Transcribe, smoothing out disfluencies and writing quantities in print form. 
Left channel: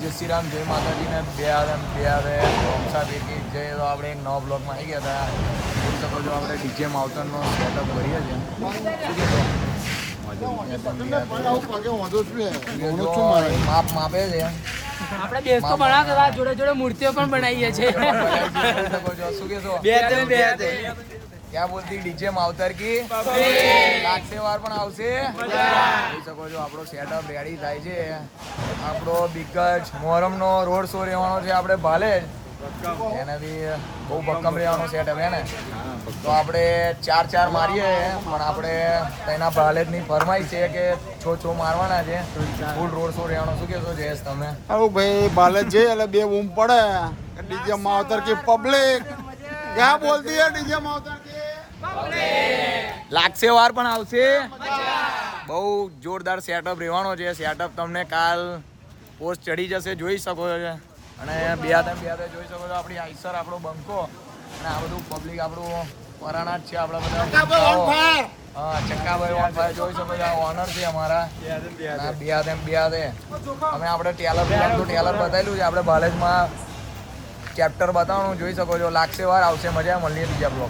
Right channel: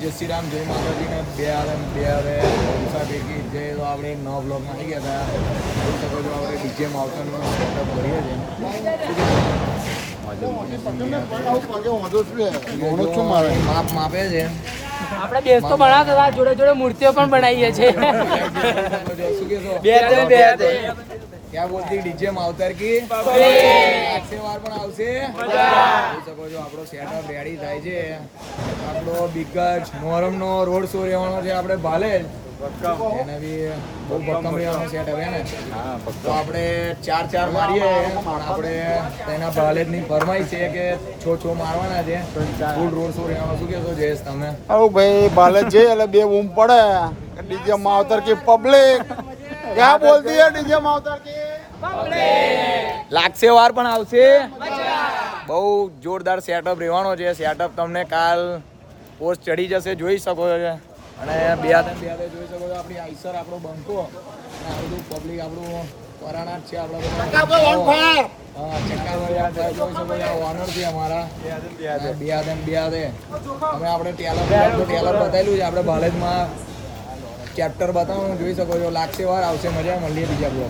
જય શ્રી રામ, જય માતાજીને બે આવે ભેગી જય. તો આપણે એક નવા બ્લોગમાં આવી ગયા હતા. આપણે ડીજે માવતરનો સેટઅપ કરીએ છીએ. માપે છે. આપણે બેસ તો બનાવતા હતા, જોડે જોડે મૂર્તિઓ પણ બનાવીએ છીએ. क्या बोलती डीजे मावतर की लाखसे વાર પણ આવશે. જોઈ શકો છો આપણો સેટઅપ રેડી થાય છે. આપણો બિગજ મોહરમનો રોડ શો રહેવાનો છે આપણે ભાલેજ. એને બી બહુ ભક્કમ રહેવાનો સેટઅપ હે ને. તો આપણે ચાર મારીએ. આપણે તેના ભાલેજની ફરમાઈ છે કે છો મારવાના છે. ફૂલ રોડ શો રહેવાનો. શું કહેશો જયેશ તમે? આવું ભાઈ ભાલેજ છે એટલે બે બૂમ પડે ડીજે માવતર की પબ્લિક क्या बोलती है डीजे मावतर की લાગશે વાર પણ આવશે. બહુ જોરદાર સેટઅપ રહેવાનો છે. સેટઅપ તમને કાલ પોસ્ટ ચડી જશે, જોઈ શકો છો. અને બે જોઈ શકો છો આપણી આઈસર, આપણો બંકો અને આ બધું પબ્લિક આપણું પરાણા જ છે. આપણા બધા ચક્કાભાઈ જોઈ શકો છો. ઓનર છે અમારા બિયાદે. અમે આપણે ટેલર બતાવેલું છે આપણે ભાલેજમાં ચેપ્ટર બતાવવાનું. જોઈ શકો છો. લાગશે વાર આવશે. મજા મળીએ બીજા બ્લોગ.